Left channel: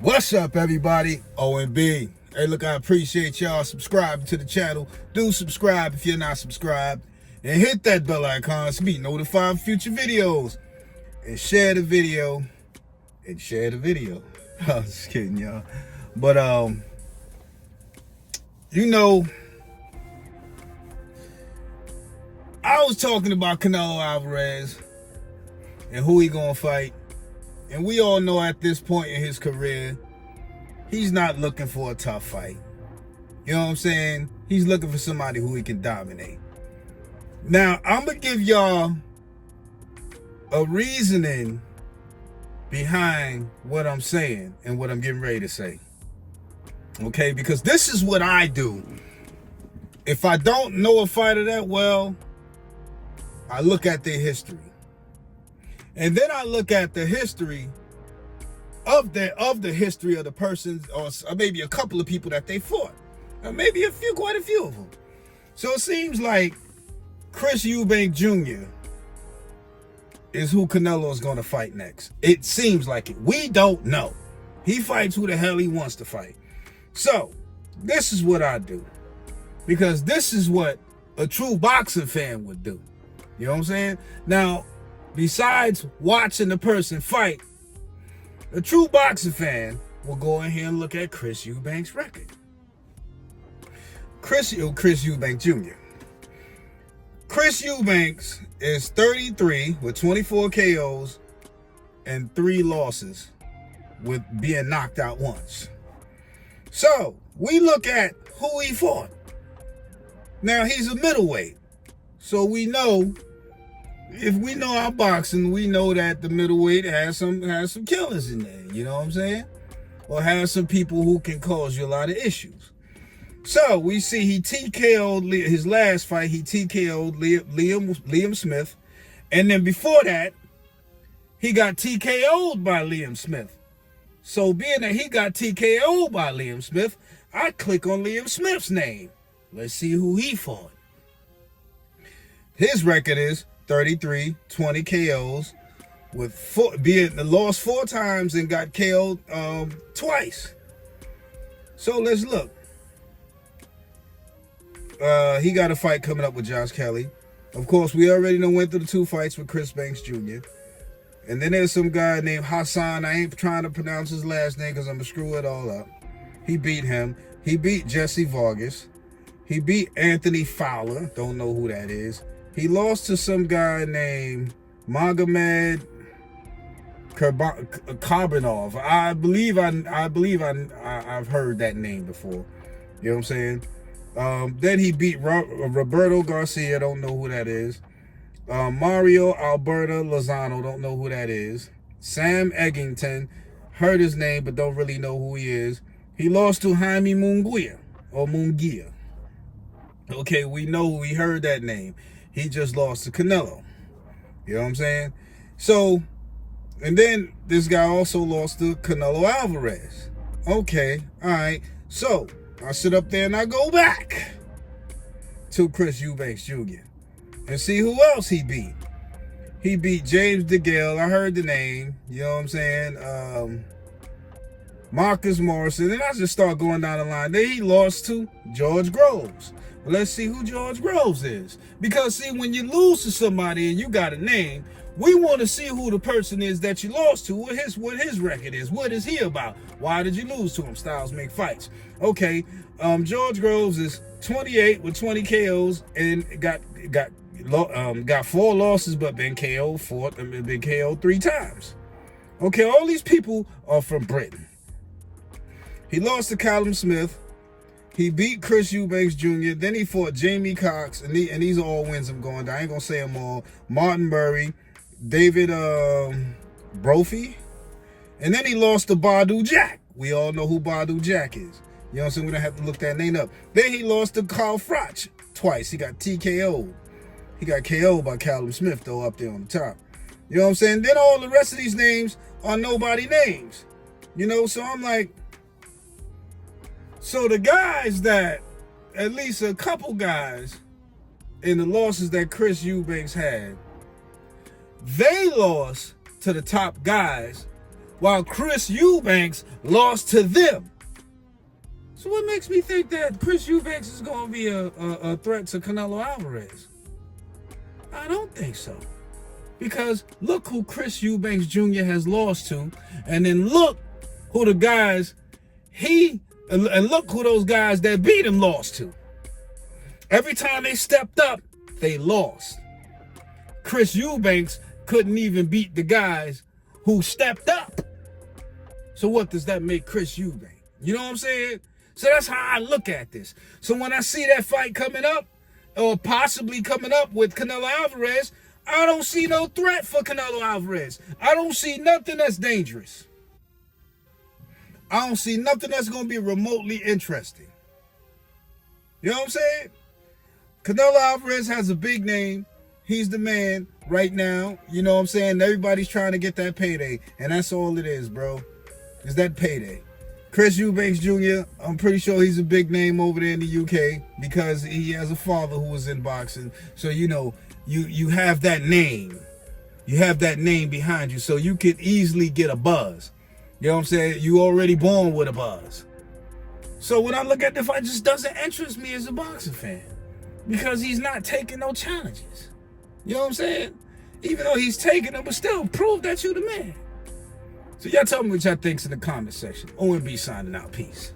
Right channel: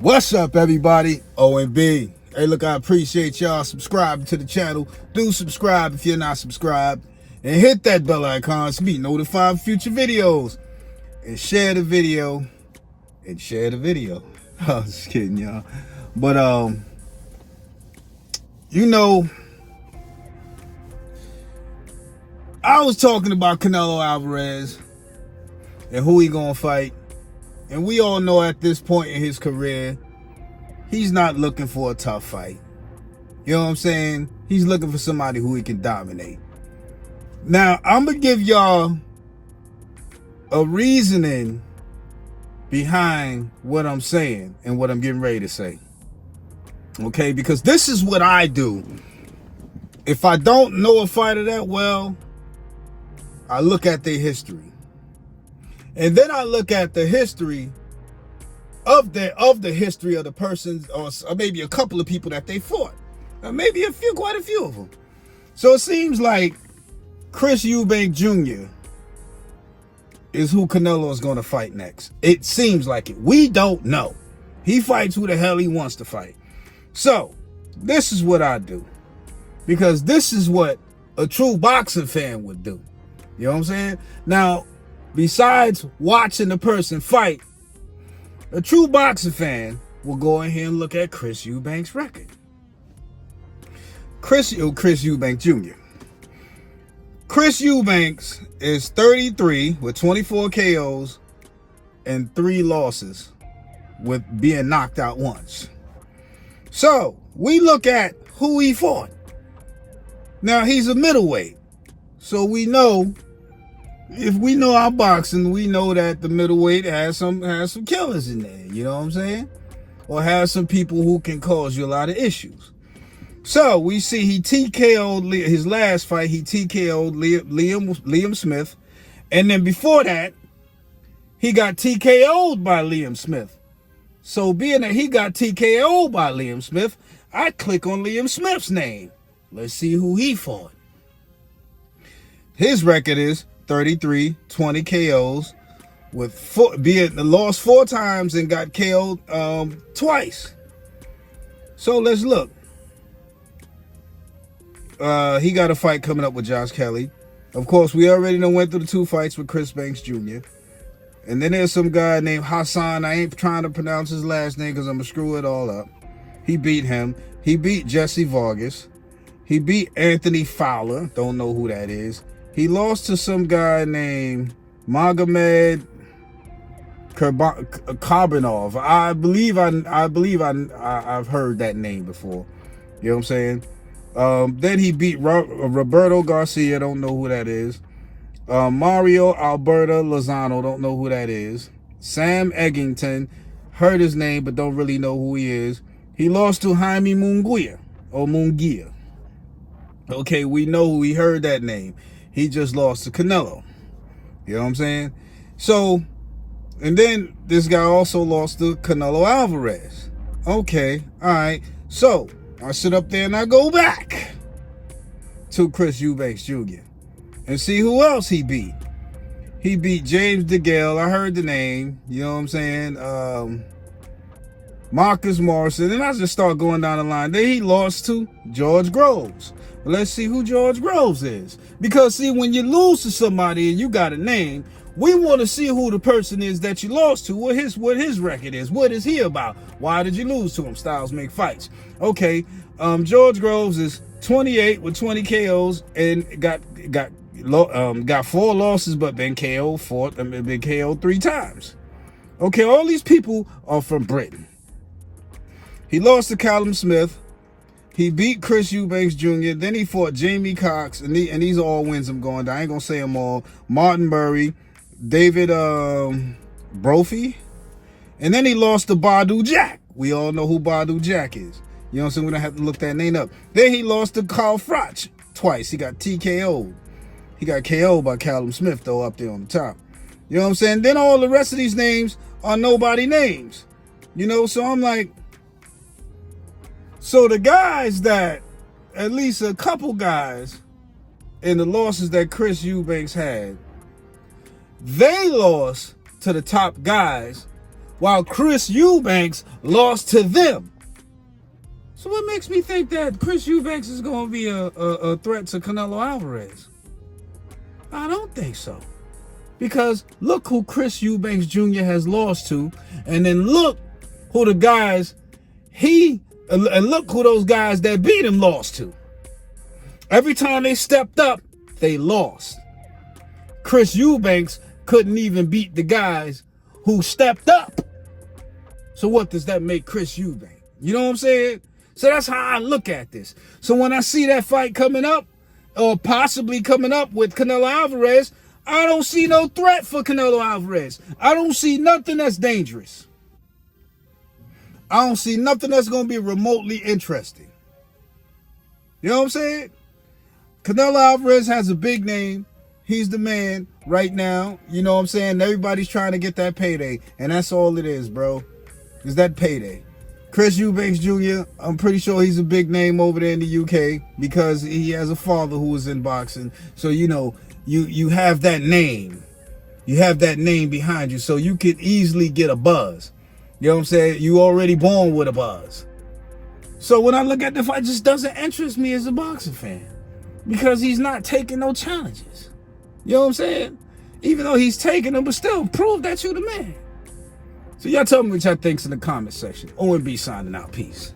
What's up, everybody? OMB. Hey, look, I appreciate y'all subscribing to the channel. Do subscribe if you're not subscribed. And hit that bell icon to be notified of future videos. And share the video. I was just kidding, y'all. But, I was talking about Canelo Alvarez and who he gonna fight. And we all know at this point in his career, he's not looking for a tough fight. You know what I'm saying? He's looking for somebody who he can dominate. Now, I'm going to give y'all a reasoning behind what I'm saying and what I'm getting ready to say. Okay? Because this is what I do. If I don't know a fighter that well, I look at their history. And then I look at the history of the history of the person, or maybe a couple of people that they fought, or maybe quite a few of them. So it seems like Chris Eubanks Jr. is who Canelo is going to fight next. It seems like it. We don't know. He fights who the hell he wants to fight. So this is what I do, because this is what a true boxing fan would do. You know what I'm saying? Now, besides watching the person fight, a true boxing fan will go in here and look at Chris Eubanks' record. Chris Eubanks Jr. Chris Eubanks is 33 with 24 KOs and 3 losses with being knocked out once. So we look at who he fought. Now, he's a middleweight. So we know, if we know our boxing, we know that the middleweight has some killers in there, you know what I'm saying? Or has some people who can cause you a lot of issues. So we see he TKO'd his last fight, he TKO'd Liam Smith. And then before that, he got TKO'd by Liam Smith. So being that he got TKO'd by Liam Smith, I click on Liam Smith's name. Let's see who he fought. His record is 33, 20 KOs, with lost 4 times and got KO'd twice. So let's look. He got a fight coming up with Josh Kelly. Of course, we already went through the 2 fights with Chris Banks Jr. And then there's some guy named Hassan. I ain't trying to pronounce his last name because I'm going to screw it all up. He beat him. He beat Jesse Vargas. He beat Anthony Fowler. Don't know who that is. He lost to some guy named Magomed Karbinov. I believe I've heard that name before. You know what I'm saying? Then he beat Roberto Garcia. Don't know who that is. Mario Alberto Lozano. Don't know who that is. Sam Eggington. Heard his name, but don't really know who he is. He lost to Jaime Munguia. Okay, we heard that name. He just lost to Canelo. You know what I'm saying? So, and then this guy also lost to Canelo Alvarez. Okay, all right. So, I sit up there and I go back to Chris Eubanks Jr. and see who else he beat. He beat James DeGale. I heard the name. You know what I'm saying? Marcus Morrison. Then I just start going down the line. Then he lost to George Groves. Let's see who George Groves is. Because, see, when you lose to somebody and you got a name, we want to see who the person is that you lost to, what his record is. What is he about? Why did you lose to him? Styles make fights. Okay, George Groves is 28 with 20 KOs and got 4 losses, but been KO'd 3 times. Okay, all these people are from Britain. He lost to Callum Smith. He beat Chris Eubanks Jr. Then he fought Jamie Cox, and these are all wins I'm going down. I ain't gonna say them all. Martin Murray, David Brophy, and then he lost to Badu Jack. We all know who Badu Jack is. You know what I'm saying? We don't have to look that name up. Then he lost to Carl Froch twice. He got TKO'd. He got KO'd by Callum Smith, though, up there on the top. You know what I'm saying? Then all the rest of these names are nobody names. You know, so I'm like, so the guys that, at least a couple guys in the losses that Chris Eubanks had, they lost to the top guys while Chris Eubanks lost to them. So what makes me think that Chris Eubanks is going to be a threat to Canelo Alvarez? I don't think so. Because look who Chris Eubanks Jr. has lost to, and then look who the guys and look who those guys that beat him lost to. Every time they stepped up, they lost. Chris Eubanks couldn't even beat the guys who stepped up. So what does that make Chris Eubanks? You know what I'm saying? So that's how I look at this. So when I see that fight coming up, or possibly coming up with Canelo Alvarez, I don't see no threat for Canelo Alvarez. I don't see nothing that's dangerous. I don't see nothing that's going to be remotely interesting. You know what I'm saying? Canelo Alvarez has a big name. He's the man right now. You know what I'm saying? Everybody's trying to get that payday. And that's all it is, bro. Is that payday. Chris Eubanks Jr., I'm pretty sure he's a big name over there in the UK because he has a father who was in boxing. So, you know, you have that name. You have that name behind you. So you could easily get a buzz. You know what I'm saying? You already born with a buzz. So when I look at the fight, it just doesn't interest me as a boxing fan. Because he's not taking no challenges. You know what I'm saying? Even though he's taking them, but still prove that you're the man. So y'all tell me what y'all thinks in the comment section. OMB signing out. Peace.